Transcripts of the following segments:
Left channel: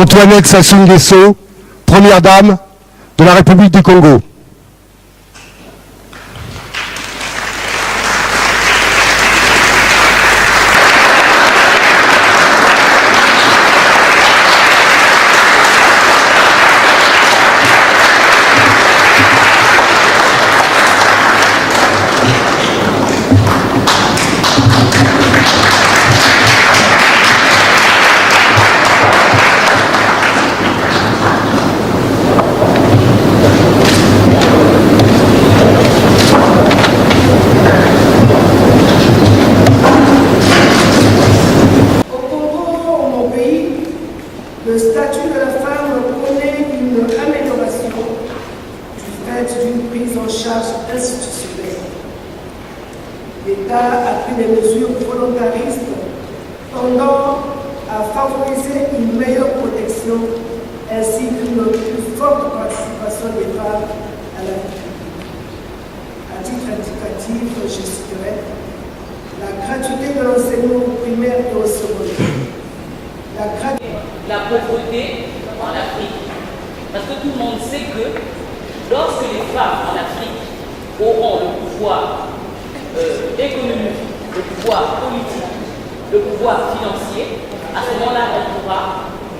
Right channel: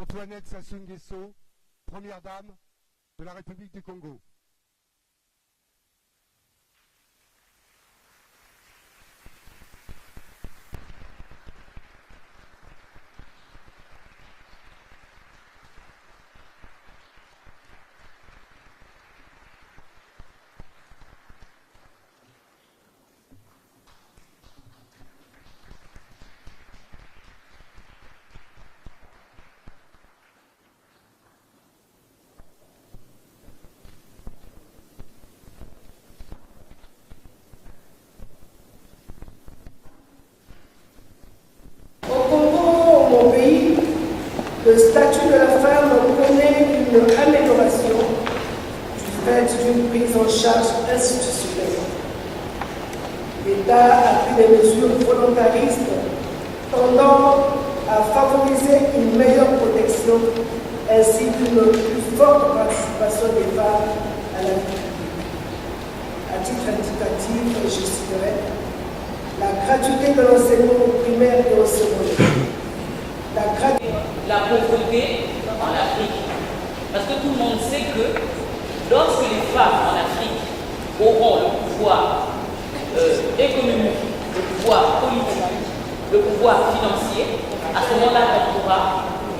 Antoinette Sassou Nguesso, Première Dame de la République du Congo. Le statut de la femme connaît une amélioration du fait d'une prise en charge institutionnelle. L'État a pris des mesures volontaristes tendant à favoriser une meilleure protection ainsi qu'une plus forte participation des femmes à la vie publique. À titre indicatif, je citerai la gratuité de l'enseignement primaire et au secondaire. La pauvreté en Afrique. Parce que tout le monde sait que lorsque les femmes en Afrique auront le pouvoir économique, le pouvoir politique, le pouvoir financier, à ce moment-là, on pourra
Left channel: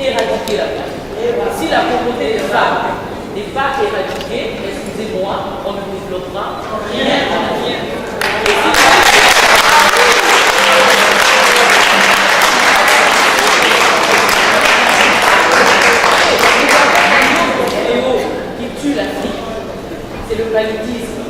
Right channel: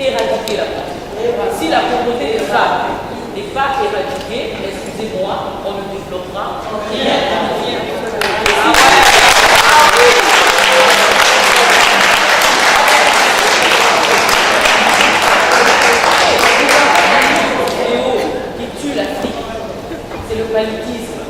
éradiquer la pauvreté. Si la pauvreté des femmes n'est pas éradiquée, excusez-moi, on ne développera rien. C'est le paludisme.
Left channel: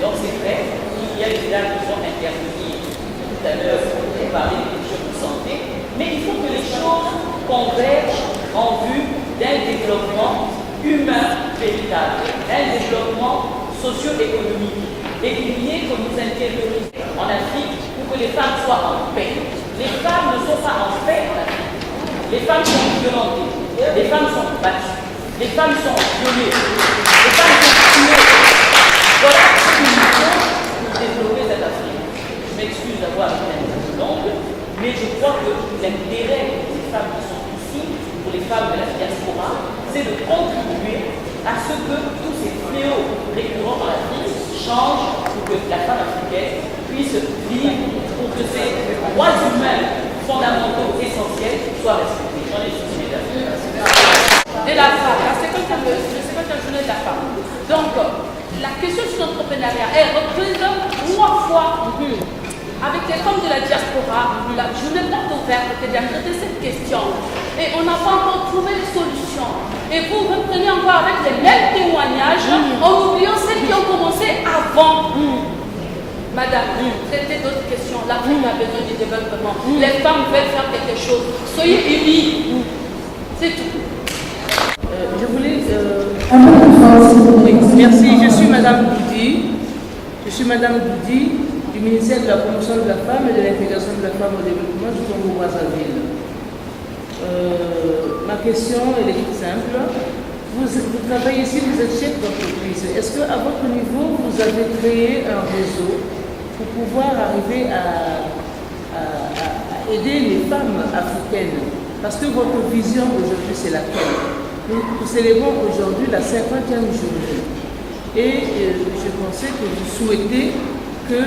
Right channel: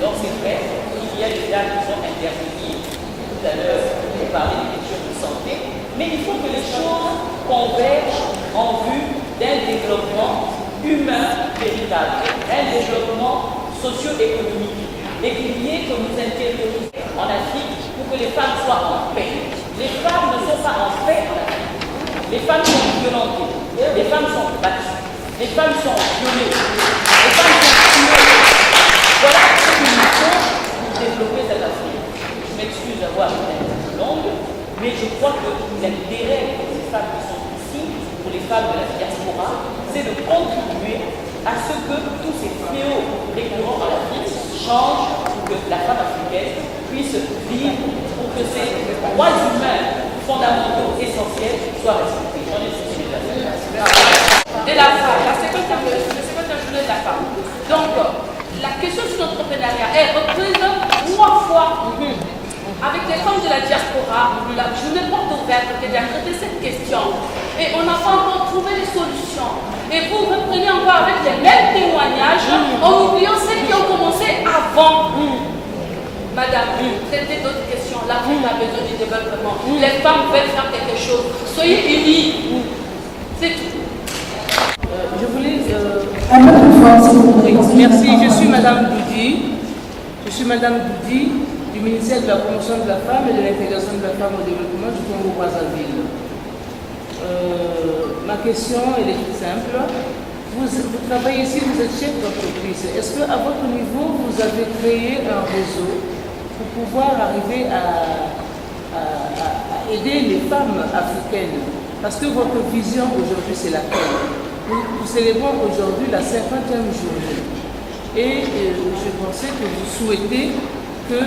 Donc c'est vrai, il y a des gens qui sont intervenus tout à l'heure pour parler des questions de santé, mais il faut que les choses convergent en vue d'un développement humain véritable, un développement socio-économique, et qu'il y ait que nous intervenions en Afrique pour que les femmes soient en paix. Les femmes ne sont pas en paix en Afrique. Les femmes sont violentées, les femmes sont battues, les femmes sont violées, les femmes sont tuées. Voilà ce que nous faut pour développer cette Afrique. Je m'excuse d'avoir été un peu longue, mais je crois que l'intérêt de ces femmes qui sont ici, pour les femmes de la diaspora, c'est de contribuer à ce que tous ces fléaux récurrents en Afrique changent pour que la femme africaine puisse vivre, pour que ces droits humains fondamentaux essentiels soient respectés. J'en ai souci déjà. De la femme, la 50e journée de la femme. Donc, la question sur l'entrepreneuriat, elle représente 3 fois avec les femmes de la diaspora, la journée porte ouverte qui vient traiter cette question. Et on n'a pas encore trouvé de solution. Et vous reprenez encore avec les mêmes témoignages en oubliant ceux qui ont commencé avant. Madame, traitez d'autres questions. L'Afrique a besoin du développement. Les femmes veulent faire quelque chose. Soyez unis. C'est tout. Je voulais... merci, je suis Madame Doudi. Je suis Madame Doudi du ministère de la promotion de la femme et de l'intégration de la femme au développement du Congo-Brazzaville. Ma question elle est toute simple. Vous travaillez ici, vous êtes chef d'entreprise. Est-ce qu'à votre niveau, vous avez créé un réseau pour pouvoir arriver à aider les femmes africaines? Parce que votre vision aujourd'hui, c'est laquelle? Nous célébrons aujourd'hui la 50e journée. Et je pensais que vous souhaitez que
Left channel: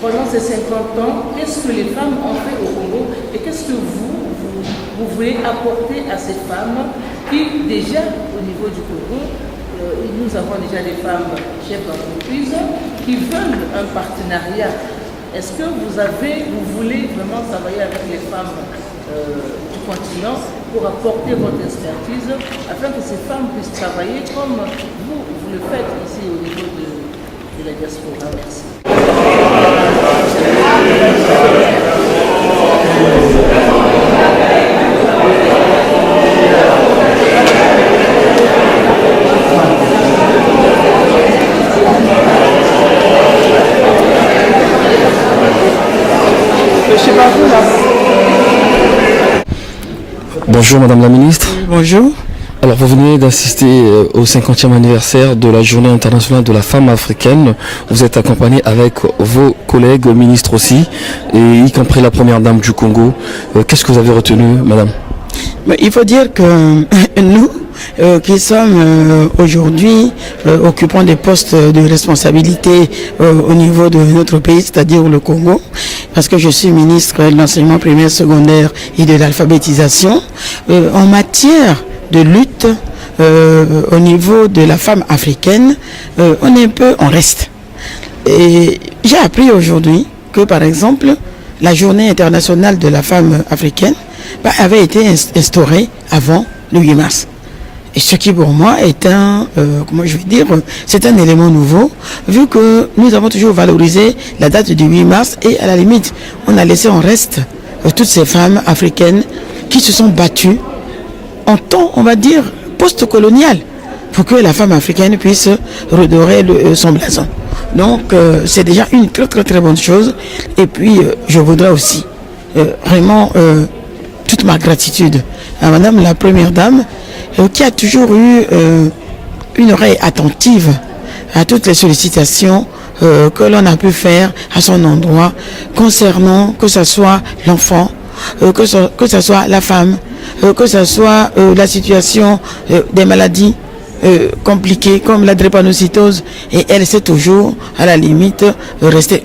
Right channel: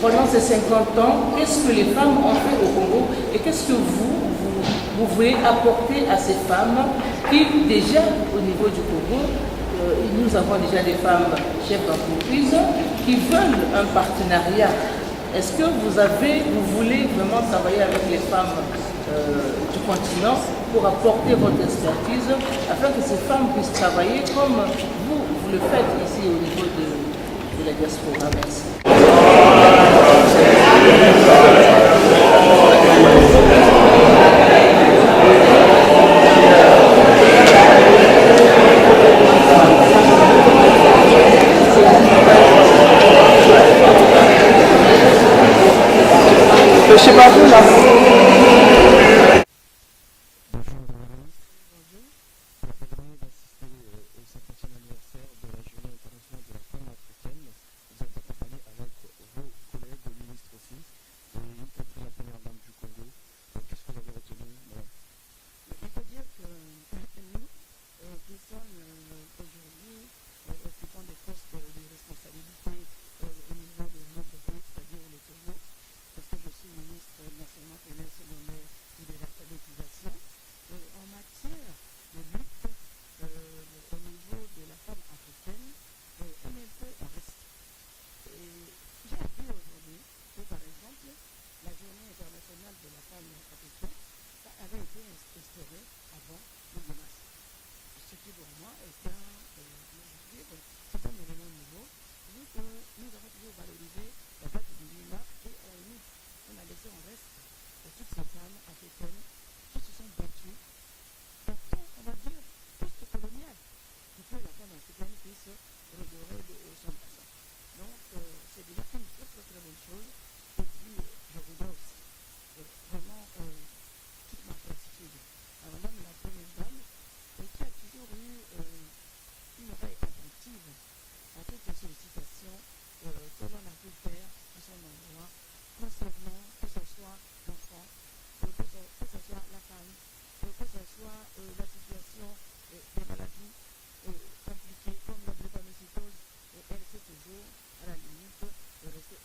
pendant ces 50 ans, qu'est-ce que les femmes ont fait au Congo et qu'est-ce que vous voulez apporter à ces femmes qui, déjà au niveau du Congo, nous avons déjà des femmes chefs d'entreprise qui veulent un partenariat. Est-ce que vous voulez vraiment travailler avec les femmes du continent pour apporter votre expertise afin que ces femmes puissent travailler comme vous le faites ici au niveau de la diaspora? Merci. Bonjour Madame la Ministre. Bonjour. Alors vous venez d'assister au 50e anniversaire de la Journée internationale de la femme africaine. Vous êtes accompagné avec vos collègues ministres aussi, et y compris la Première Dame du Congo. Qu'est-ce que vous avez retenu, Madame? Mais il faut dire que nous, qui sommes aujourd'hui occupant des postes de responsabilité au niveau de notre pays, c'est-à-dire le Congo, parce que je suis ministre de l'enseignement primaire, secondaire et de l'alphabétisation, en matière de lutte au niveau de la femme africaine, on est un peu en reste. Et j'ai appris aujourd'hui que, par exemple, la journée internationale de la femme africaine avait été instaurée avant le 8 mars. Et ce qui pour moi est c'est un élément nouveau, vu que nous avons toujours valorisé la date du 8 mars et à la limite, on a laissé en reste toutes ces femmes africaines qui se sont battues en temps, on va dire, post-colonial, pour que la femme africaine puisse redorer son blason. Donc c'est déjà une très très très bonne chose. Et puis je voudrais aussi vraiment toute ma gratitude à Madame la Première Dame, qui a toujours eu une oreille attentive à toutes les sollicitations que l'on a pu faire à son endroit concernant que ce soit l'enfant, que ce soit la femme, que ce soit la situation des maladies compliquées comme la drépanocytose, et elle s'est toujours à la limite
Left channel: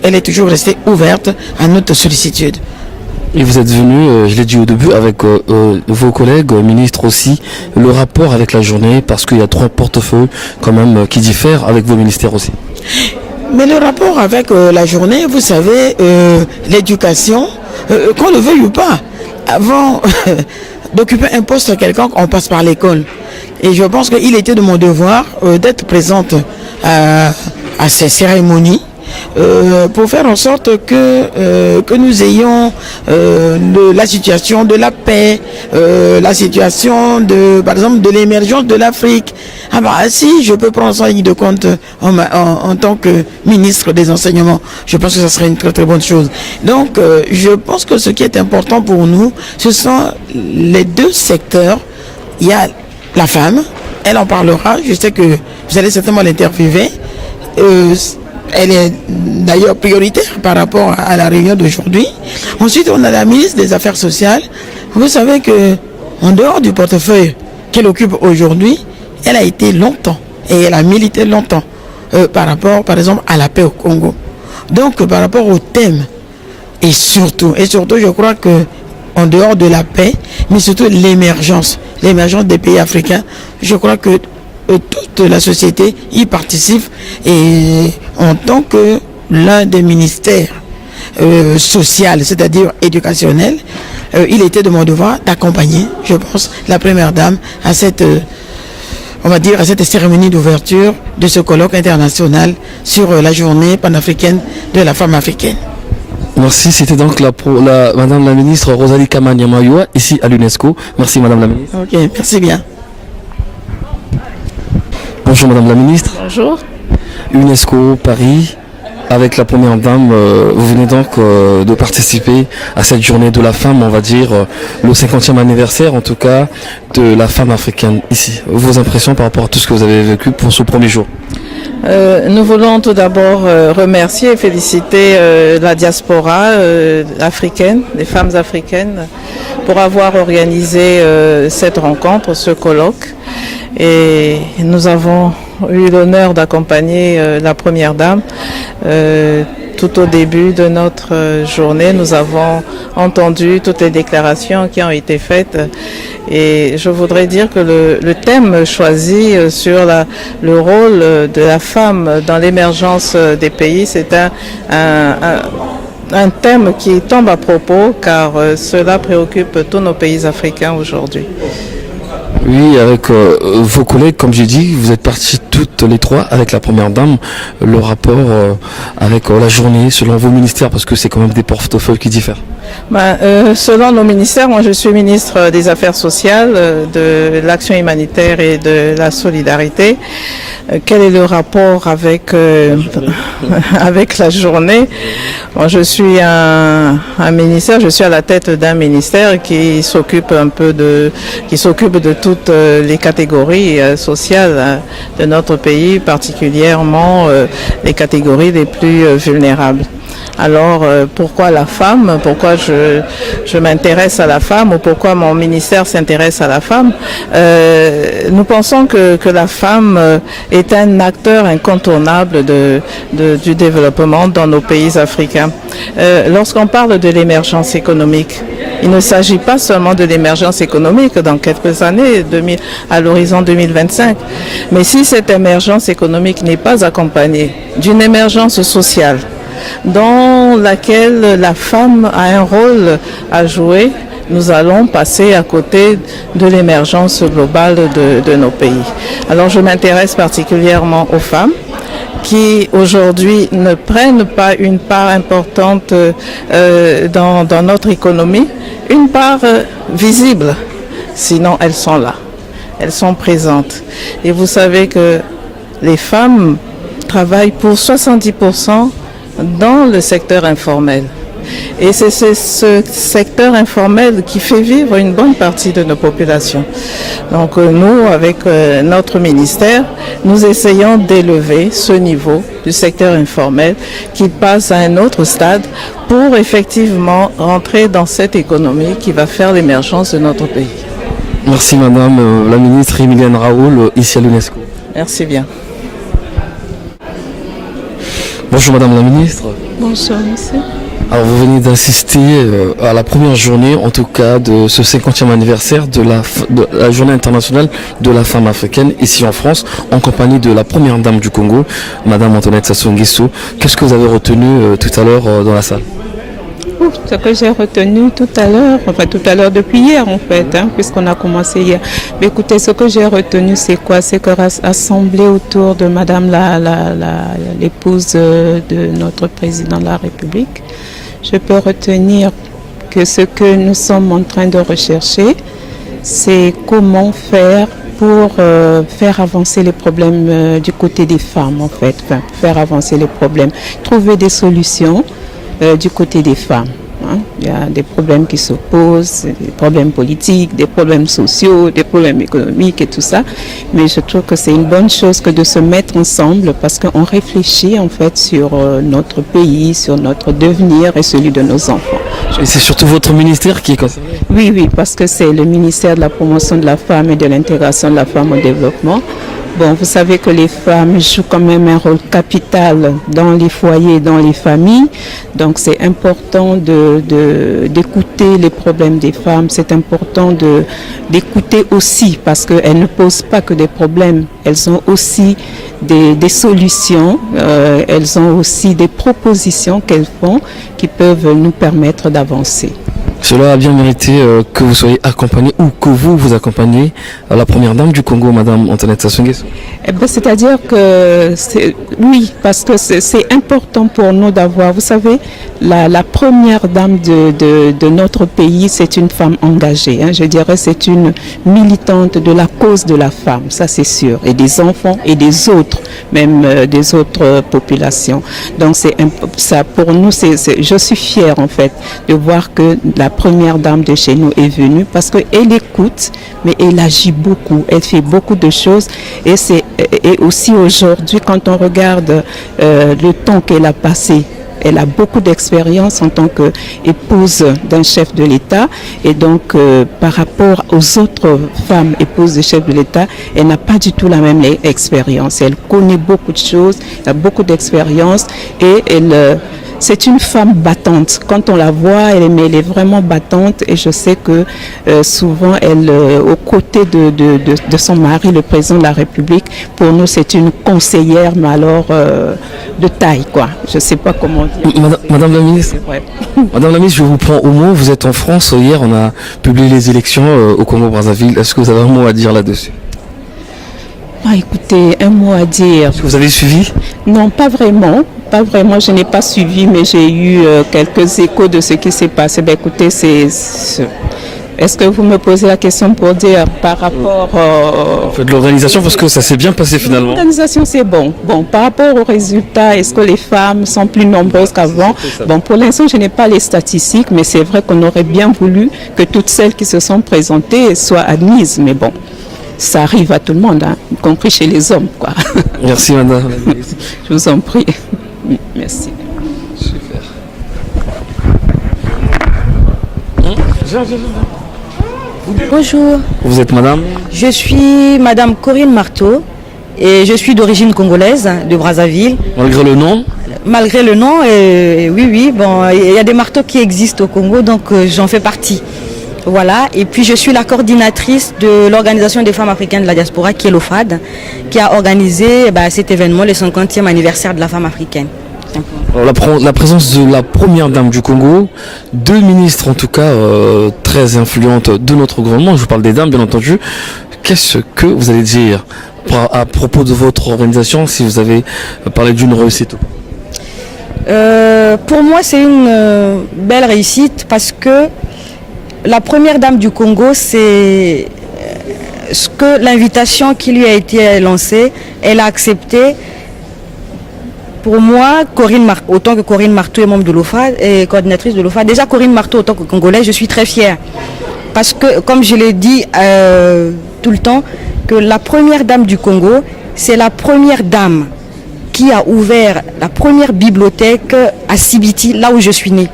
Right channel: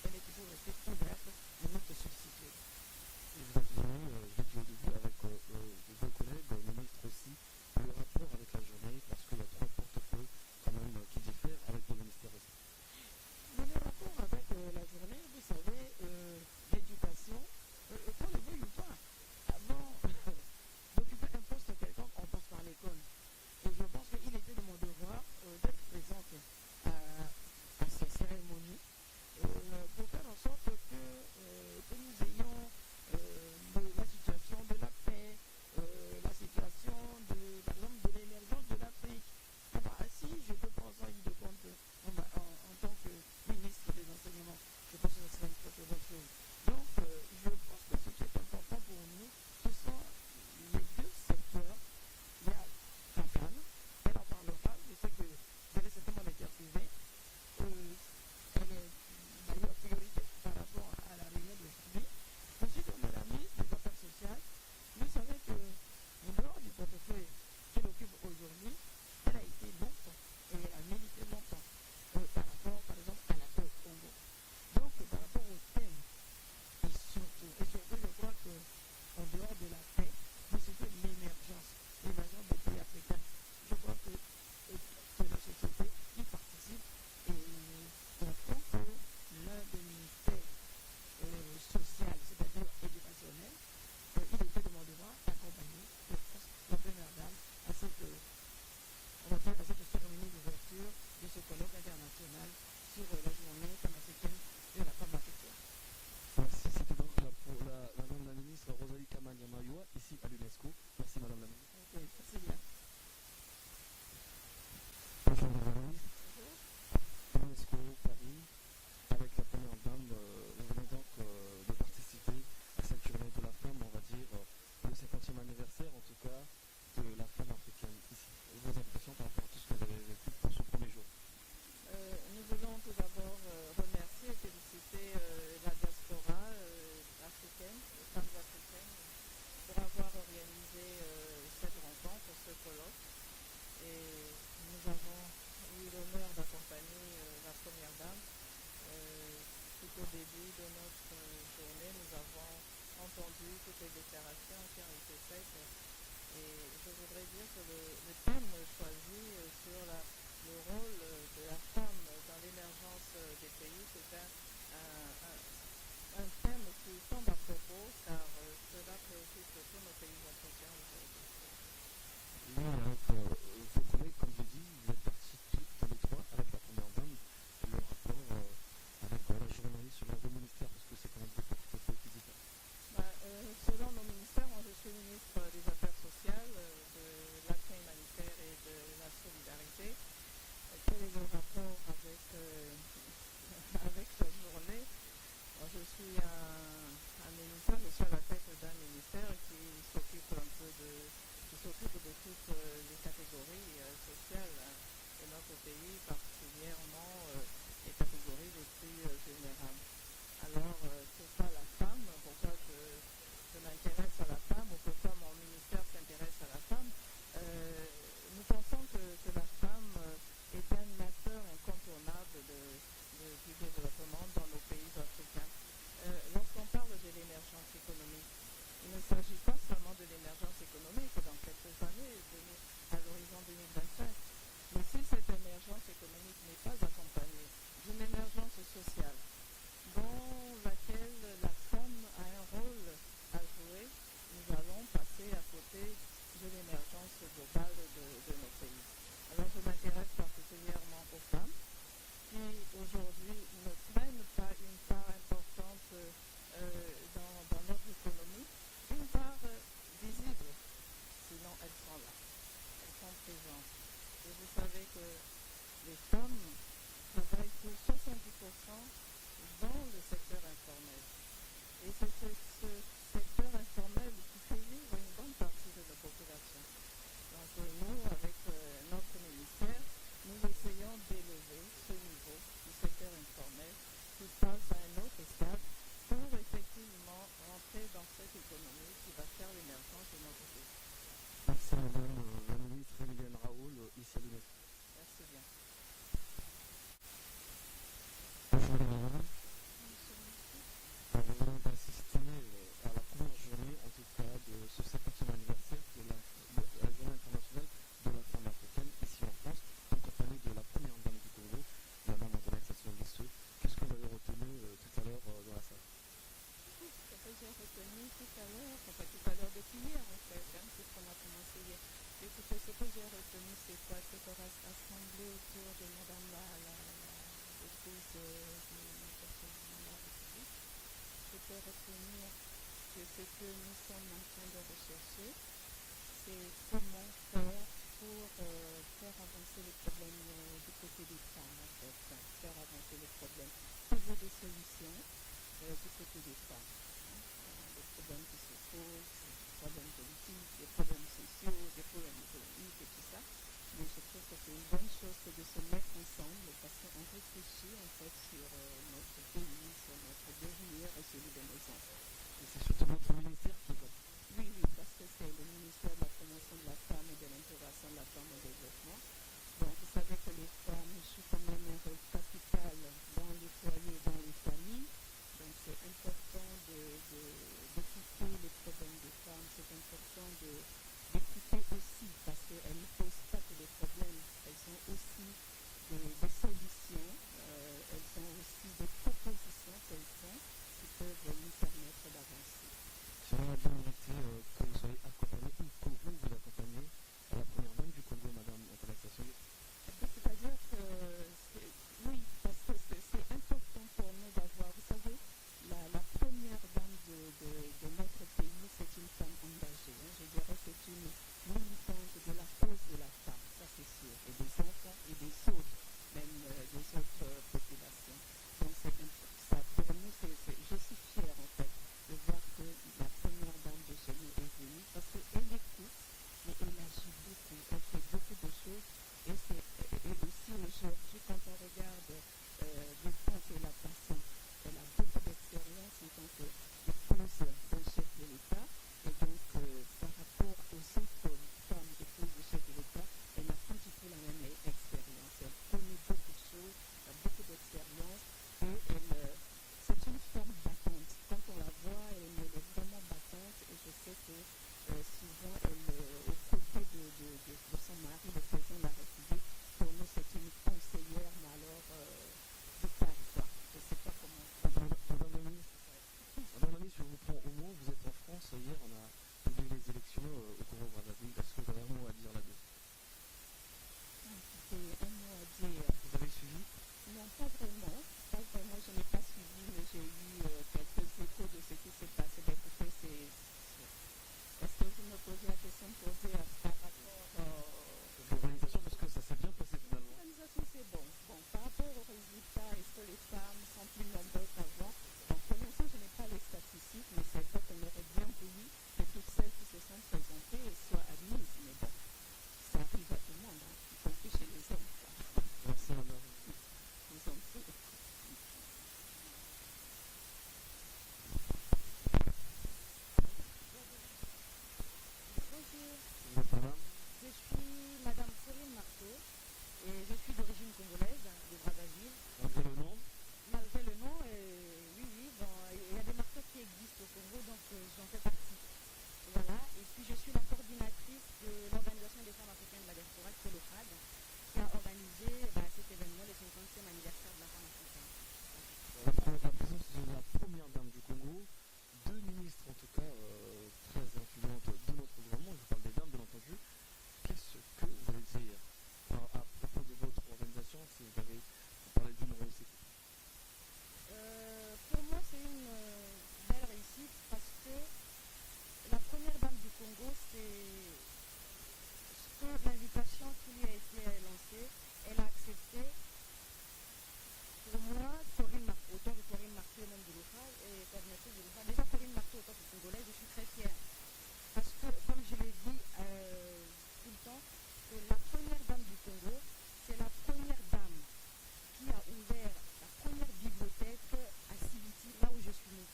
elle est toujours restée ouverte à notre sollicitude. Et vous êtes venu, je l'ai dit au début, avec vos collègues, ministres aussi, le rapport avec la journée, parce qu'il y a 3 portefeuilles quand même qui diffèrent avec vos ministères aussi. Mais le rapport avec la journée, vous savez, l'éducation, qu'on le veuille ou pas, avant d'occuper un poste quelconque, on passe par l'école. Et je pense qu'il était de mon devoir d'être présente à ces cérémonies, pour faire en sorte que nous ayons la situation de la paix, la situation par exemple de l'émergence de l'Afrique. Si je peux prendre ça en ligne de compte en tant que ministre des enseignements, je pense que ça serait une très très bonne chose. Donc je pense que ce qui est important pour nous, ce sont les 2 secteurs. Il y a la femme, elle en parlera, je sais que vous allez certainement l'interviewer. Elle est d'ailleurs prioritaire par rapport à la réunion d'aujourd'hui. Ensuite, on a la ministre des Affaires sociales. Vous savez que en dehors du portefeuille qu'elle occupe aujourd'hui, elle a été longtemps et elle a milité longtemps par rapport, par exemple, à la paix au Congo. Donc, par rapport au thème, et surtout, je crois que en dehors de la paix, mais surtout l'émergence des pays africains, je crois que toute la société y participe, et en tant que l'un des ministères social, c'est-à-dire éducationnel, il était de mon devoir d'accompagner, je pense, la Première Dame à cette cérémonie d'ouverture de ce colloque international sur la journée panafricaine de la femme africaine. Merci, c'était donc Madame la ministre Rosalie Kama-Nyamayoua, ici à l'UNESCO. Merci Madame la ministre. Ok, merci bien. Bonjour Madame la ministre. Bonjour. UNESCO, Paris, avec la Première Dame, vous venez donc de participer à cette journée de la femme, on va dire, le 50e anniversaire en tout cas, de la femme africaine ici. Vos impressions par rapport à tout ce que vous avez vécu pour ce premier jour? Nous voulons tout d'abord remercier et féliciter la diaspora africaine, les femmes africaines, pour avoir organisé cette rencontre, ce colloque. Et nous avons eu l'honneur d'accompagner la Première Dame. Tout au début de notre journée, nous avons entendu toutes les déclarations qui ont été faites. Et je voudrais dire que le thème choisi sur le rôle de la femme dans l'émergence des pays, c'est un thème qui tombe à propos, car cela préoccupe tous nos pays africains aujourd'hui. Oui, avec vos collègues, comme j'ai dit, vous êtes partis toutes les 3 avec la Première Dame. Le rapport avec la journée, selon vos ministères, parce que c'est quand même des portefeuilles qui diffèrent. Selon nos ministères, moi je suis ministre des Affaires sociales, de l'action humanitaire et de la solidarité. Quel est le rapport avec la journée? Bon, je suis un ministère, je suis à la tête d'un ministère qui s'occupe de toutes les catégories sociales de notre pays, particulièrement les catégories les plus vulnérables. Alors pourquoi la femme? Pourquoi je m'intéresse à la femme ou pourquoi mon ministère s'intéresse à la femme? Nous pensons que la femme est un acteur incontournable du développement dans nos pays africains. Lorsqu'on parle de l'émergence économique, il ne s'agit pas seulement de l'émergence économique dans quelques années, à l'horizon 2025, mais si cette émergence économique n'est pas accompagnée d'une émergence sociale, dans laquelle la femme a un rôle à jouer, nous allons passer à côté de l'émergence globale de nos pays. Alors je m'intéresse particulièrement aux femmes qui aujourd'hui ne prennent pas une part importante dans notre économie, une part visible, sinon elles sont là, elles sont présentes. Et vous savez que les femmes travaillent pour 70% dans le secteur informel. Et c'est ce secteur informel qui fait vivre une bonne partie de nos populations. Donc nous, avec notre ministère, nous essayons d'élever ce niveau du secteur informel qui passe à un autre stade pour effectivement rentrer dans cette économie qui va faire l'émergence de notre pays. Merci Madame la ministre Emilienne Raoul, ici à l'UNESCO. Merci bien. Bonjour Madame la ministre. Bonsoir monsieur. Alors vous venez d'assister à la première journée, en tout cas, de ce 50e anniversaire de la journée internationale de la femme africaine, ici en France, en compagnie de la première dame du Congo, Madame Antoinette Sassou Nguesso. Qu'est-ce que vous avez retenu tout à l'heure dans la salle? Ce que j'ai retenu tout à l'heure depuis hier en fait, puisqu'on a commencé hier. Mais écoutez, ce que j'ai retenu c'est quoi? C'est que rassembler autour de Madame l'épouse de notre président de la République, je peux retenir que ce que nous sommes en train de rechercher, c'est comment faire pour faire avancer les problèmes du côté des femmes en fait, faire avancer les problèmes, trouver des solutions du côté des femmes. Il y a des problèmes qui se posent, des problèmes politiques, des problèmes sociaux, des problèmes économiques et tout ça. Mais je trouve que c'est une bonne chose que de se mettre ensemble parce qu'on réfléchit en fait sur notre pays, sur notre devenir et celui de nos enfants. Et c'est surtout votre ministère qui est concerné? Oui, parce que c'est le ministère de la promotion de la femme et de l'intégration de la femme au développement. Bon, vous savez que les femmes jouent quand même un rôle capital dans les foyers, dans les familles. Donc c'est important d'écouter les problèmes des femmes. C'est important d'écouter aussi parce qu'elles ne posent pas que des problèmes. Elles ont aussi des solutions. Elles ont aussi des propositions qu'elles font qui peuvent nous permettre d'avancer. Cela a bien mérité que vous soyez accompagné ou que vous accompagnez la première dame du Congo, Madame Antoinette Sassou Nguesso. C'est-à-dire que oui, parce que c'est important pour nous d'avoir, vous savez, la première dame de notre pays, c'est une femme engagée. Je dirais c'est une militante de la cause de la femme, ça c'est sûr, et des enfants et des autres, même des autres populations. Donc ça pour nous, je suis fière en fait de voir que la première dame de chez nous est venue parce qu'elle écoute, mais elle agit beaucoup, elle fait beaucoup de choses et aussi aujourd'hui quand on regarde le temps qu'elle a passé, elle a beaucoup d'expérience en tant qu'épouse d'un chef de l'État et donc par rapport aux autres femmes épouses de chefs de l'État, elle n'a pas du tout la même expérience. Elle connaît beaucoup de choses, elle a beaucoup d'expérience et c'est une femme battante. Quand on la voit, elle est vraiment battante et je sais que souvent, aux côtés de son mari, le président de la République, pour nous, c'est une conseillère, mais alors de taille, quoi. Je ne sais pas comment dire. Madame la ministre, Madame la ministre, je vous prends au mot. Vous êtes en France. Hier, on a publié les élections au Congo-Brazzaville. Est-ce que vous avez un mot à dire là-dessus? Écoutez, un mot à dire. Est-ce que vous avez suivi? Non, pas vraiment. Pas vraiment, je n'ai pas suivi, mais j'ai eu quelques échos de ce qui s'est passé. Écoutez, est-ce que vous me posez la question pour dire par rapport En fait, l'organisation, parce que ça s'est bien passé finalement. L'organisation, c'est bon. Bon, par rapport aux résultats, est-ce que les femmes sont plus nombreuses qu'avant? Bon, pour l'instant, je n'ai pas les statistiques, mais c'est vrai qu'on aurait bien voulu que toutes celles qui se sont présentées soient admises. Mais bon, ça arrive à tout le monde, y compris chez les hommes, quoi. Merci, madame. Je vous en prie. Merci. Super. Bonjour, Vous êtes madame? je suis Madame Corinne Marteau et je suis d'origine congolaise de Brazzaville. Malgré le nom? Malgré le nom, oui, bon, il y a des marteaux qui existent au Congo, donc j'en fais partie. Voilà, et puis je suis la coordinatrice de l'Organisation des femmes africaines de la diaspora, qui est l'OFAD, qui a organisé cet événement, le 50e anniversaire de la femme africaine. Alors, la présence de la première dame du Congo, deux ministres en tout cas très influentes de notre gouvernement, je vous parle des dames bien entendu, qu'est-ce que vous allez dire à propos de votre organisation, si vous avez parlé d'une réussite? Pour moi, c'est une belle réussite parce que la première dame du Congo, c'est ce que l'invitation qui lui a été lancée, elle a accepté. Pour moi, autant que Corinne Marteau est membre de l'OFA et coordinatrice de l'OFA, déjà Corinne Marteau autant que Congolaise, je suis très fière. Parce que, comme je l'ai dit tout le temps, que la première dame du Congo, c'est la première dame qui a ouvert la première bibliothèque à Sibiti, là où je suis née.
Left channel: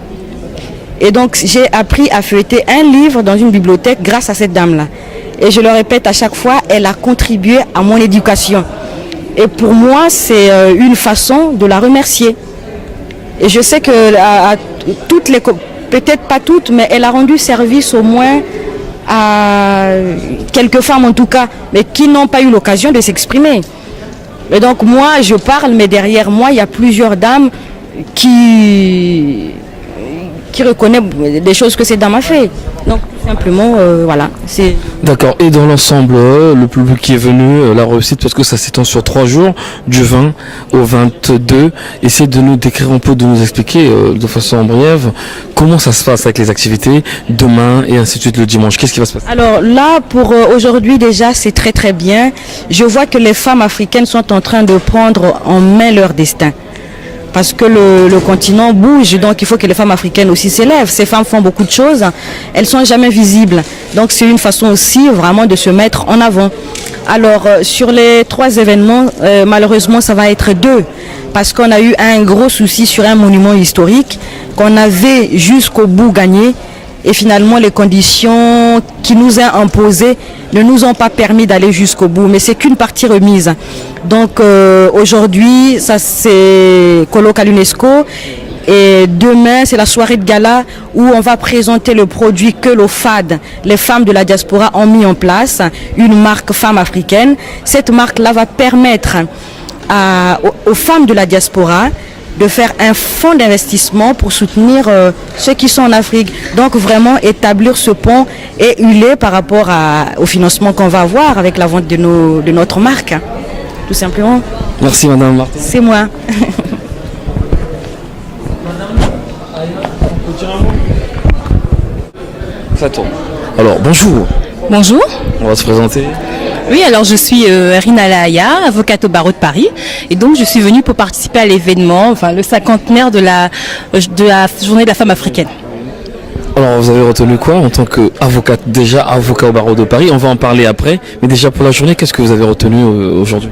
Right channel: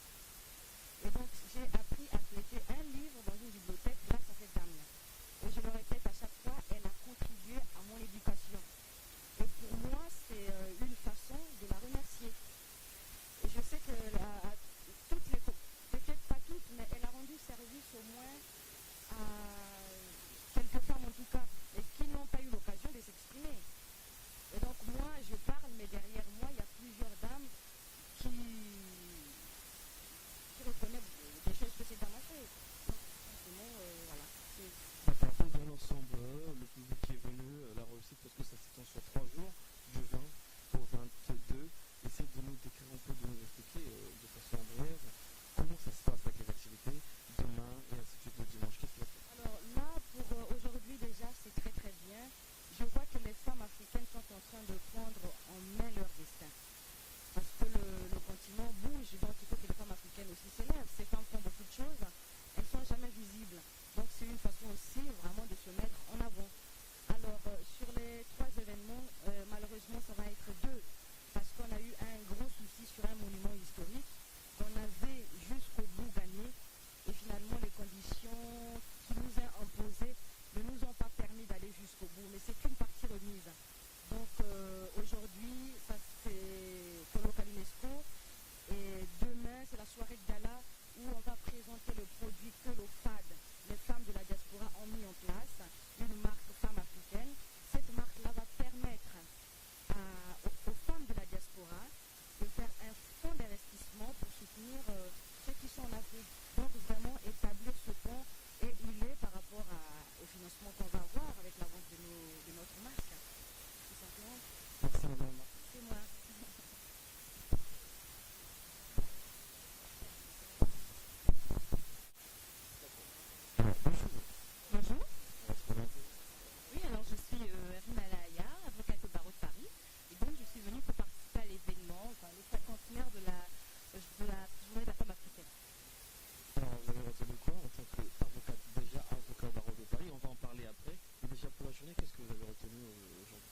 Et donc j'ai appris à feuilleter un livre dans une bibliothèque grâce à cette dame-là. Et je le répète à chaque fois, elle a contribué à mon éducation. Et pour moi, c'est une façon de la remercier. Et je sais que à toutes les, peut-être pas toutes, mais elle a rendu service au moins à quelques femmes en tout cas, mais qui n'ont pas eu l'occasion de s'exprimer. Et donc moi, je parle, mais derrière moi, il y a plusieurs dames qui reconnaissent des choses que cette dame a fait. Donc tout simplement, voilà. D'accord. Et dans l'ensemble, le public qui est venu, la réussite, parce que ça s'étend sur 3 jours, du 20 au 22. Essayez de nous décrire un peu, de nous expliquer de façon brève comment ça se passe avec les activités demain et ainsi de suite le dimanche. Qu'est-ce qui va se passer? Alors là, pour aujourd'hui déjà, c'est très très bien. Je vois que les femmes africaines sont en train de prendre en main leur destin. Parce que le continent bouge, donc il faut que les femmes africaines aussi s'élèvent. Ces femmes font beaucoup de choses, elles ne sont jamais visibles. Donc c'est une façon aussi vraiment de se mettre en avant. Alors sur les 3 événements, malheureusement ça va être 2. Parce qu'on a eu un gros souci sur un monument historique qu'on avait jusqu'au bout gagné. Et finalement les conditions qui nous ont imposées ne nous ont pas permis d'aller jusqu'au bout. Mais c'est qu'une partie remise. Donc aujourd'hui, ça c'est colloque à l'UNESCO et demain c'est la soirée de gala où on va présenter le produit que l'OFAD, les femmes de la diaspora, ont mis en place, une marque femme africaine. Cette marque-là va permettre aux femmes de la diaspora de faire un fonds d'investissement pour soutenir ceux qui sont en Afrique. Donc vraiment établir ce pont et huiler par rapport au financement qu'on va avoir avec la vente de notre marque. Tout simplement. Merci Madame Martin. C'est moi. Ça tourne. Alors bonjour. Bonjour. On va se présenter. Oui, alors je suis Rina Lahaya, avocate au barreau de Paris. Et donc je suis venue pour participer à l'événement, enfin le 50e de la journée de la femme africaine. Alors vous avez retenu quoi en tant qu'avocate, déjà avocat au barreau de Paris? On va en parler après, mais déjà pour la journée, qu'est-ce que vous avez retenu aujourd'hui?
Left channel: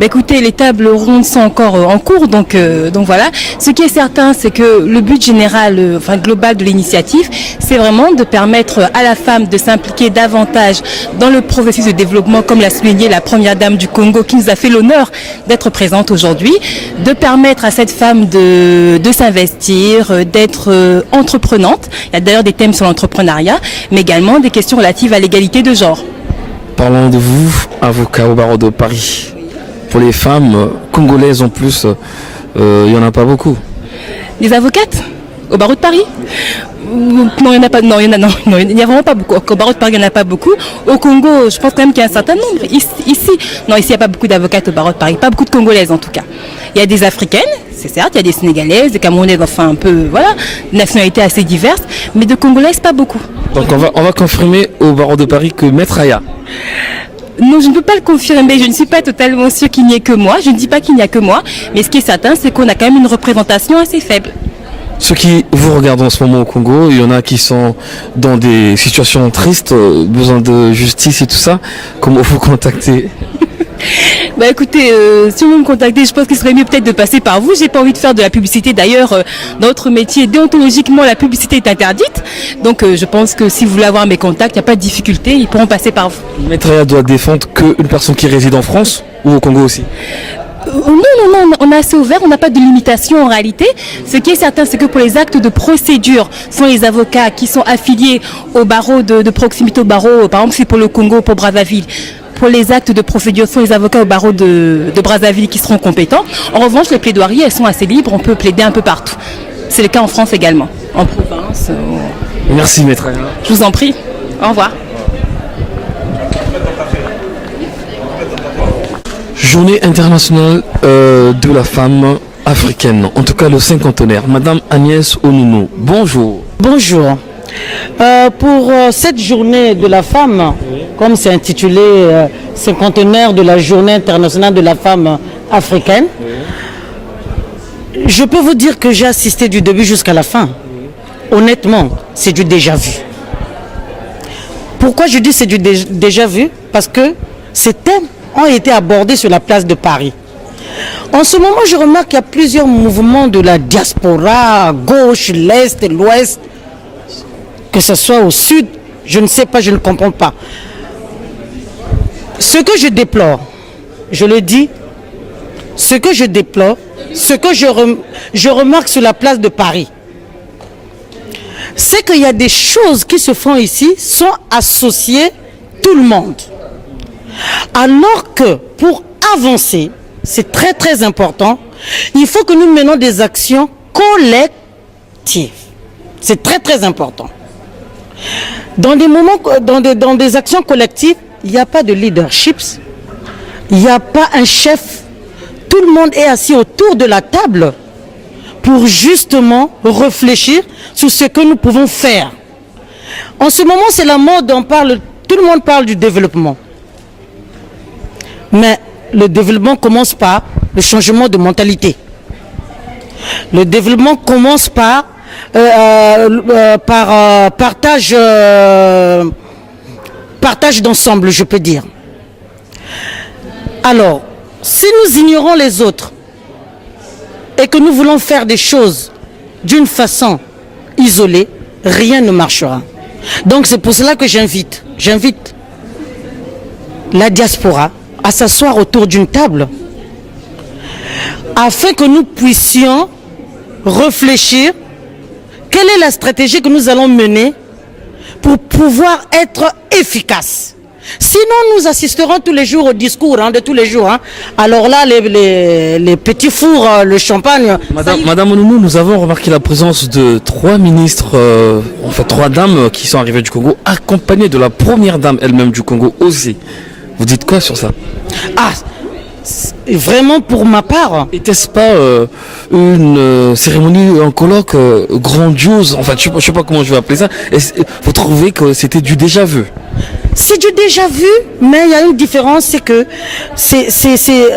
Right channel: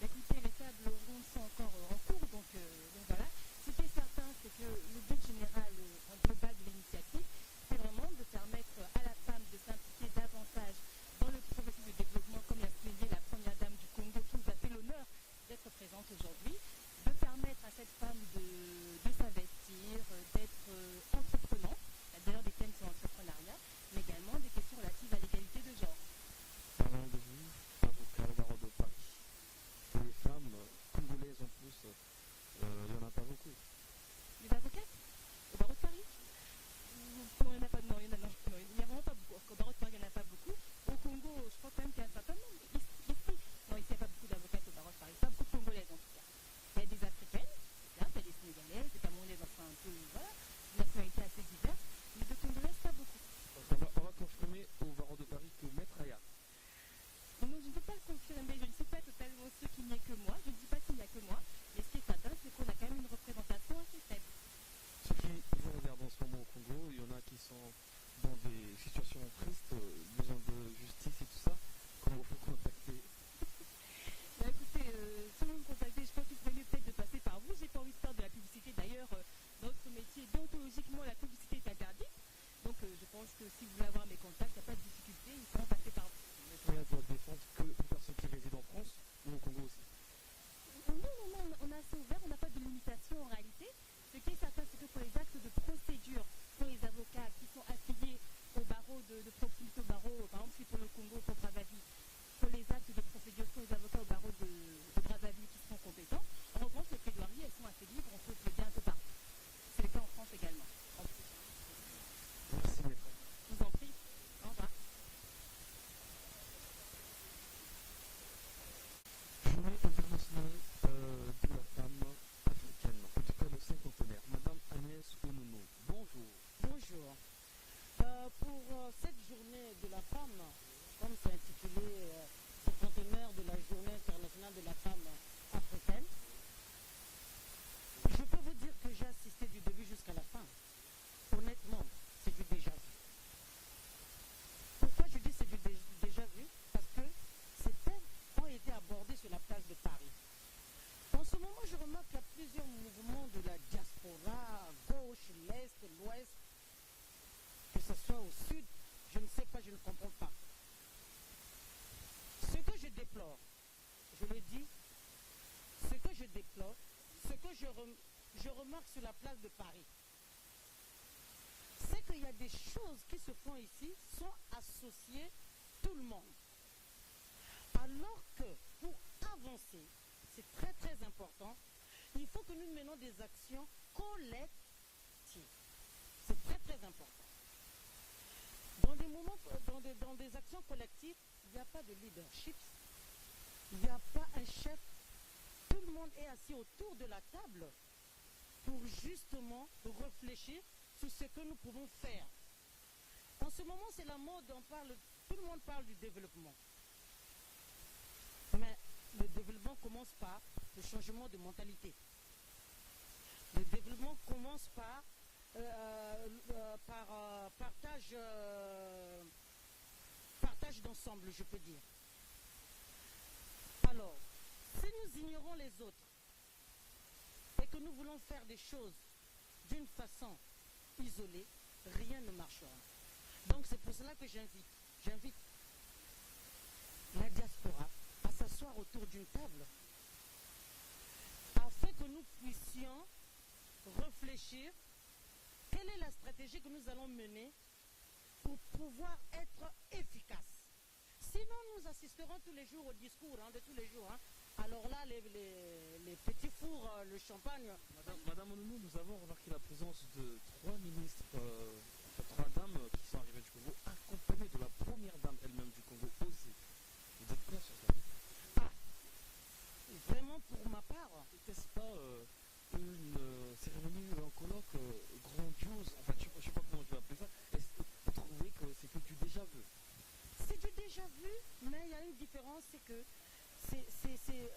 Écoutez, les tables rondes sont encore en cours, donc voilà. Ce qui est certain, c'est que le but général, global de l'initiative, c'est vraiment de permettre à la femme de s'impliquer davantage dans le processus de développement, comme l'a souligné la première dame du Congo, qui nous a fait l'honneur d'être présente aujourd'hui, de permettre à cette femme de s'investir, d'être entreprenante. Il y a d'ailleurs des thèmes sur l'entrepreneuriat, mais également des questions relatives à l'égalité de genre. Parlons de vous, avocat au barreau de Paris. Pour les femmes congolaises en plus, il n'y en a pas beaucoup. Les avocates au barreau de Paris? Non, il n'y en a pas. Non, il n'y a vraiment pas beaucoup. Au barreau de Paris, il n'y en a pas beaucoup. Au Congo, je pense quand même qu'il y a un certain nombre. Ici, il n'y a pas beaucoup d'avocates au barreau de Paris. Pas beaucoup de Congolaises en tout cas. Il y a des Africaines, c'est certes, il y a des Sénégalaises, des Camerounaises, enfin un peu, voilà, nationalités assez diverses, mais de Congolaises, pas beaucoup. Donc on va confirmer au barreau de Paris que Maître Aya. Non, je ne peux pas le confirmer, je ne suis pas totalement sûre qu'il n'y ait que moi, je ne dis pas qu'il n'y a que moi, mais ce qui est certain, c'est qu'on a quand même une représentation assez faible. Ceux qui vous regardent en ce moment au Congo, il y en a qui sont dans des situations tristes, besoin de justice et tout ça, comment vous contacter? Bah écoutez, si vous me contactez, je pense qu'il serait mieux peut-être de passer par vous. J'ai pas envie de faire de la publicité. D'ailleurs, dans notre métier, déontologiquement, la publicité est interdite. Donc je pense que si vous voulez avoir mes contacts, il n'y a pas de difficulté, ils pourront passer par vous. Maître Aya doit défendre qu'une personne qui réside en France ou au Congo aussi? Non, on est assez ouvert, on n'a pas de limitation en réalité. Ce qui est certain, c'est que pour les actes de procédure, ce sont les avocats qui sont affiliés au barreau de proximité au barreau, par exemple c'est pour le Congo, pour Brazzaville. Pour les actes de procédure, ce sont les avocats au barreau de Brazzaville qui seront compétents. En revanche, les plaidoiries, elles sont assez libres, on peut plaider un peu partout. C'est le cas en France également, en province. Merci Maître Aya. Je vous en prie, au revoir. Journée internationale de la femme africaine, en tout cas le cinquantenaire. Madame Agnès Onounou, bonjour. Bonjour. Pour cette journée de la femme, comme c'est intitulé cinquantenaire de la journée internationale de la femme africaine, je peux vous dire que j'ai assisté du début jusqu'à la fin. Honnêtement, c'est du déjà vu. Pourquoi je dis c'est du déjà vu? Parce que ces thèmes ont été abordés sur la place de Paris. En ce moment, je remarque qu'il y a plusieurs mouvements de la diaspora, à gauche, l'Est, l'Ouest, que ce soit au Sud, je ne sais pas, je ne comprends pas. Ce que je déplore, je le dis, ce que je déplore, ce que je remarque sur la place de Paris, c'est qu'il y a des choses qui se font ici, sont associées tout le monde. Alors que pour avancer, c'est très très important, il faut que nous menons des actions collectives. C'est très très important. Dans des moments, dans des actions collectives, il n'y a pas de leadership, il n'y a pas un chef. Tout le monde est assis autour de la table pour justement réfléchir sur ce que nous pouvons faire. En ce moment, c'est la mode, tout le monde parle du développement. Mais le développement commence par le changement de mentalité. Le développement commence par partage d'ensemble, je peux dire. Alors, si nous ignorons les autres et que nous voulons faire des choses d'une façon isolée, rien ne marchera. Donc c'est pour cela que j'invite la diaspora à s'asseoir autour d'une table afin que nous puissions réfléchir quelle est la stratégie que nous allons mener pour pouvoir être efficaces. Sinon, nous assisterons tous les jours au discours de tous les jours. Alors là, les petits fours, le champagne... Madame Onounou, nous avons remarqué la présence de 3 ministres, enfin 3 dames qui sont arrivées du Congo, accompagnées de la première dame elle-même du Congo aussi. Vous dites quoi sur ça? Vraiment pour ma part. Était-ce pas une cérémonie, un colloque grandiose? Enfin, je sais pas comment je vais appeler ça. Vous trouvez que c'était du déjà vu? C'est du déjà vu, mais il y a une différence, c'est que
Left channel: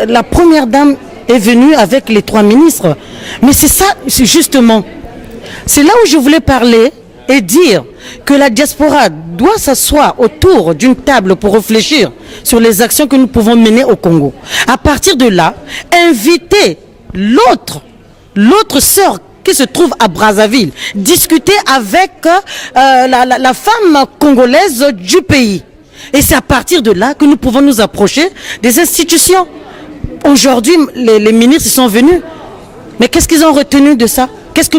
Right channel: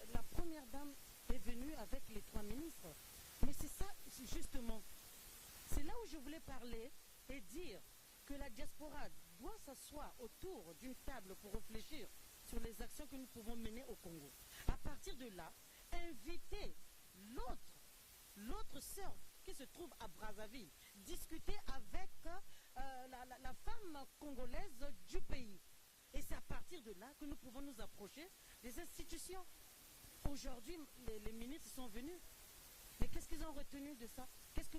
la première dame est venue avec les 3 ministres. Mais c'est ça, c'est justement. C'est là où je voulais parler et dire que la diaspora doit s'asseoir autour d'une table pour réfléchir sur les actions que nous pouvons mener au Congo. À partir de là, inviter l'autre sœur qui se trouve à Brazzaville, discuter avec la femme congolaise du pays. Et c'est à partir de là que nous pouvons nous approcher des institutions. Aujourd'hui, les ministres sont venus. Mais qu'est-ce qu'ils ont retenu de ça? Qu'est-ce que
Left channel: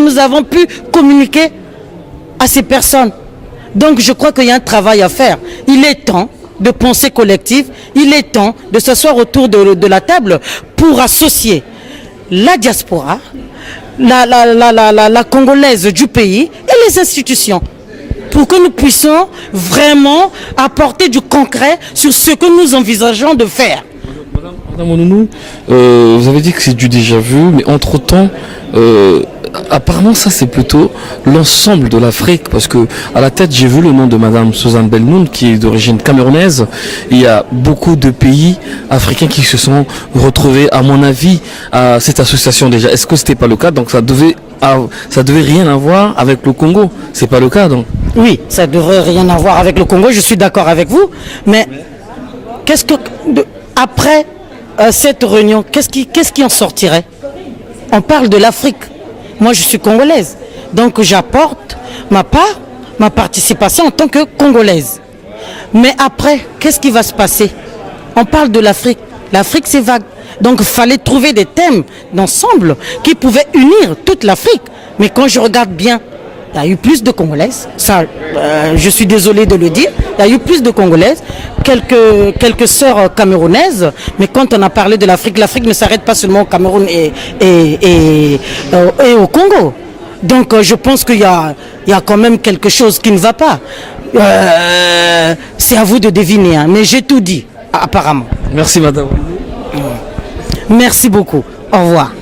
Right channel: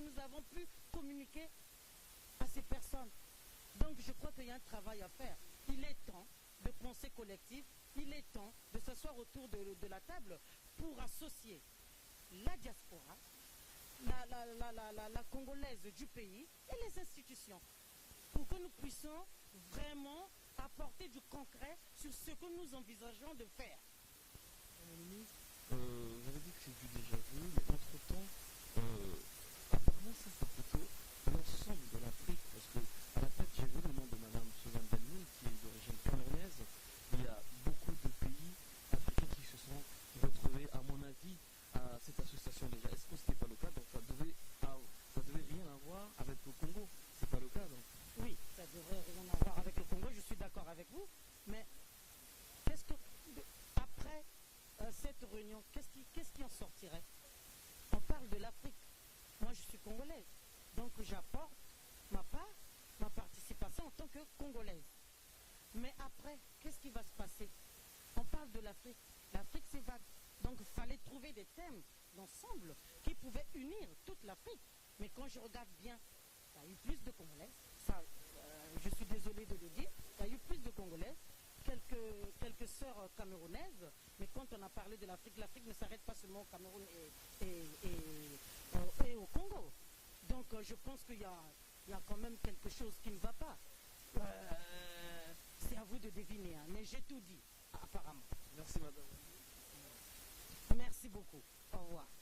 nous avons pu communiquer à ces personnes? Donc je crois qu'il y a un travail à faire. Il est temps de pensée collective, il est temps de s'asseoir autour de la table pour associer la diaspora, la congolaise du pays et les institutions, pour que nous puissions vraiment apporter du concret sur ce que nous envisageons de faire. Madame Onounou, vous avez dit que c'est du déjà vu, mais entre-temps, apparemment ça c'est plutôt l'ensemble de l'Afrique, parce que à la tête j'ai vu le nom de Madame Suzanne Belmoun qui est d'origine camerounaise. Il y a beaucoup de pays africains qui se sont retrouvés, à mon avis, à cette association déjà. Est-ce que c'était pas le cas? Donc ça devait rien avoir avec le Congo. C'est pas le cas donc? Oui, ça devrait rien avoir avec le Congo, je suis d'accord avec vous, mais après cette réunion, qu'est-ce qui en sortirait? On parle de l'Afrique. Moi, je suis congolaise. Donc, j'apporte ma part, ma participation en tant que congolaise. Mais après, qu'est-ce qui va se passer? On parle de l'Afrique. L'Afrique, c'est vague. Donc, il fallait trouver des thèmes d'ensemble qui pouvaient unir toute l'Afrique. Mais quand je regarde bien, il y a eu plus de Congolaises. Ça, je suis désolé de le dire. Il y a eu plus de Congolaises, quelques sœurs camerounaises. Mais quand on a parlé de l'Afrique, l'Afrique ne s'arrête pas seulement au Cameroun et au Congo. Donc, je pense qu'il y a quand même quelque chose qui ne va pas. C'est à vous de deviner, hein. Mais j'ai tout dit, apparemment. Merci, madame. Merci beaucoup. Au revoir.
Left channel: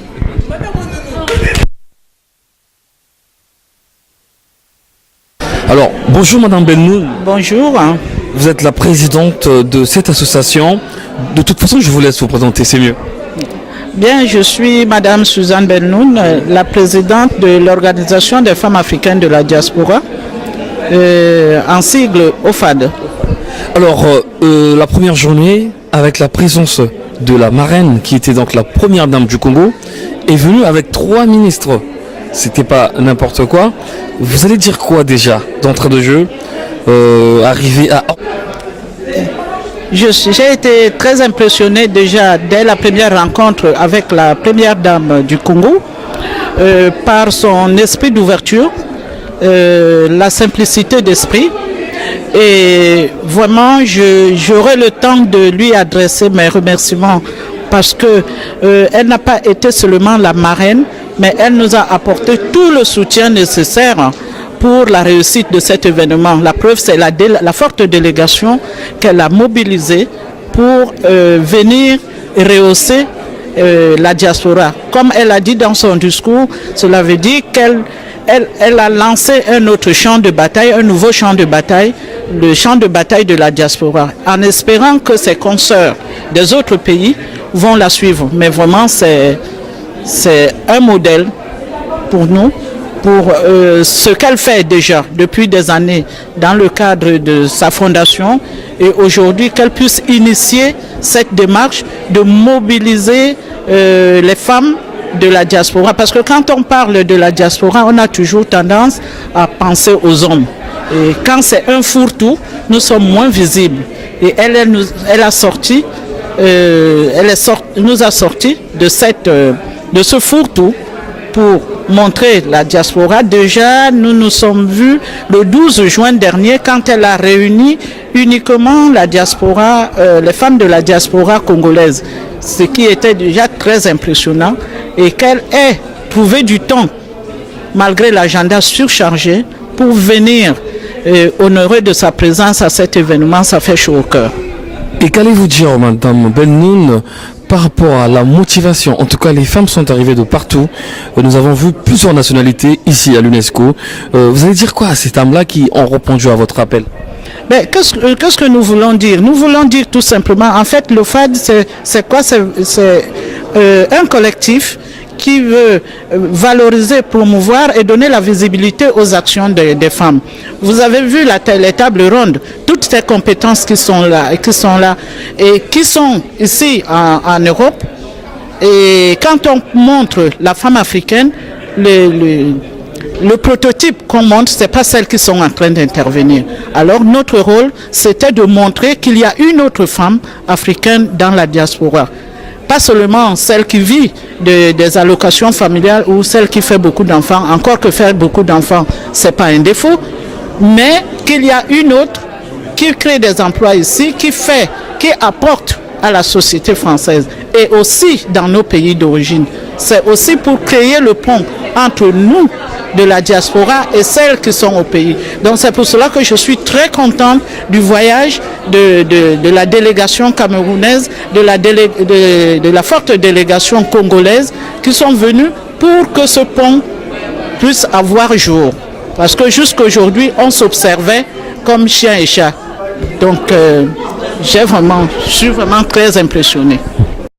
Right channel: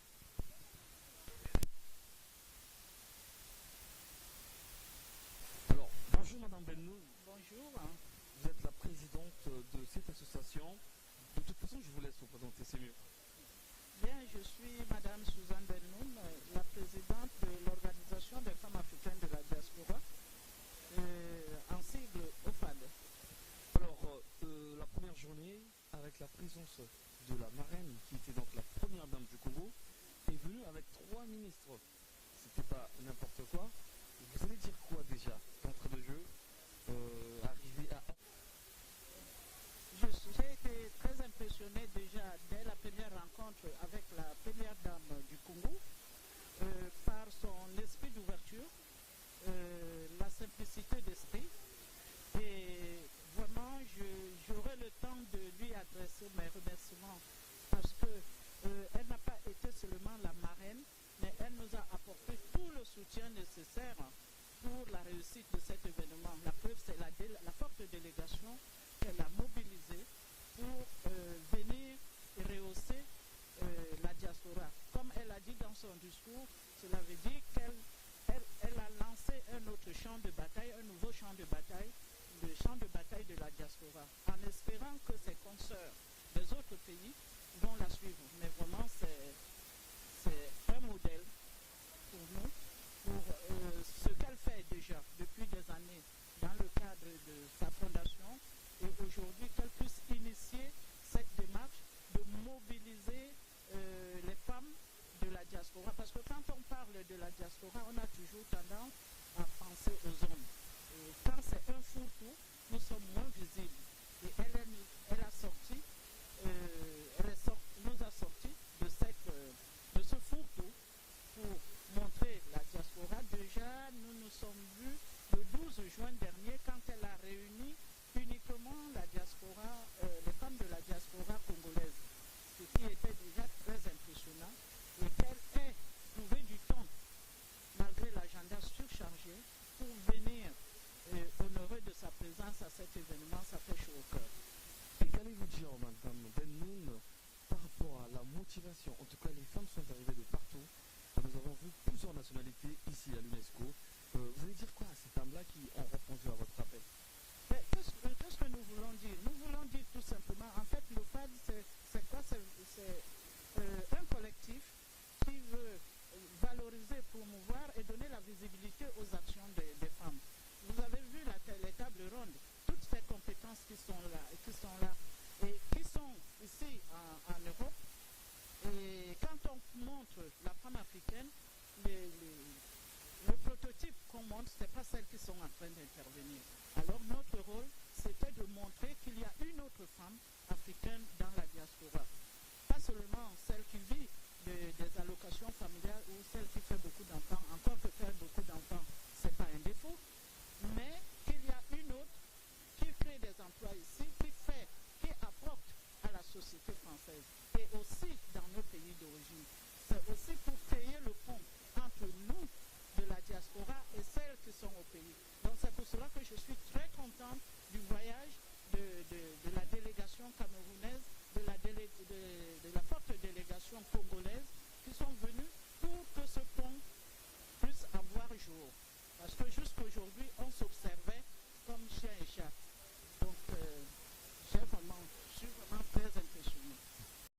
Alors, bonjour Madame Bennoun. Bonjour. Vous êtes la présidente de cette association. De toute façon, je vous laisse vous présenter, c'est mieux. Bien, je suis Madame Suzanne Bennoun, la présidente de l'Organisation des femmes africaines de la diaspora, en sigle OFAD. Alors, la première journée, avec la présence de la marraine, qui était donc la première dame du Congo, est venue avec 3 ministres. C'était pas n'importe quoi. Vous allez dire quoi déjà d'entrée de jeu, arriver à... J'ai été très impressionnée déjà dès la première rencontre avec la première dame du Congo, par son esprit d'ouverture, la simplicité d'esprit. Et vraiment, j'aurai le temps de lui adresser mes remerciements parce que elle n'a pas été seulement la marraine, mais elle nous a apporté tout le soutien nécessaire pour la réussite de cet événement. La preuve, c'est la forte délégation qu'elle a mobilisée pour venir rehausser la diaspora. Comme elle a dit dans son discours, cela veut dire qu'elle a lancé un autre champ de bataille, un nouveau champ de bataille, le champ de bataille de la diaspora, en espérant que ses consoeurs des autres pays vont la suivre. Mais vraiment, c'est un modèle pour nous, pour ce qu'elle fait déjà depuis des années dans le cadre de sa fondation, et aujourd'hui qu'elle puisse initier cette démarche de mobiliser les femmes de la diaspora. Parce que quand on parle de la diaspora, on a toujours tendance à penser aux hommes. Et quand c'est un fourre-tout, nous sommes moins visibles. Et elle nous a sorti de ce fourre-tout pour montrer la diaspora. Déjà, nous nous sommes vus le 12 juin dernier quand elle a réuni uniquement la diaspora, les femmes de la diaspora congolaise, ce qui était déjà très impressionnant, et qu'elle ait trouvé du temps, malgré l'agenda surchargé, pour venir honorer de sa présence à cet événement. Ça fait chaud au cœur. Et qu'allez-vous dire, Madame Bennoun, par rapport à la motivation? En tout cas, les femmes sont arrivées de partout. Nous avons vu plusieurs nationalités ici à l'UNESCO. Vous allez dire quoi à ces dames-là qui ont répondu à votre appel? Qu'est-ce que nous voulons dire? Nous voulons dire tout simplement, en fait, le FAD, c'est quoi? C'est un collectif qui veut valoriser, promouvoir et donner la visibilité aux actions des femmes. Vous avez vu les tables rondes, toutes ces compétences qui sont là et qui sont ici en Europe. Et quand on montre la femme africaine, le prototype qu'on montre, ce n'est pas celles qui sont en train d'intervenir. Alors notre rôle, c'était de montrer qu'il y a une autre femme africaine dans la diaspora. Pas seulement celle qui vit des allocations familiales ou celle qui fait beaucoup d'enfants, encore que faire beaucoup d'enfants, ce n'est pas un défaut, mais qu'il y a une autre qui crée des emplois ici, qui apporte à la société française et aussi dans nos pays d'origine. C'est aussi pour créer le pont entre nous de la diaspora et celles qui sont au pays. Donc c'est pour cela que je suis très contente du voyage de la délégation camerounaise, de la forte délégation congolaise qui sont venus pour que ce pont puisse avoir jour. Parce que jusqu'à aujourd'hui, on s'observait comme chien et chat. Donc je suis vraiment très impressionnée.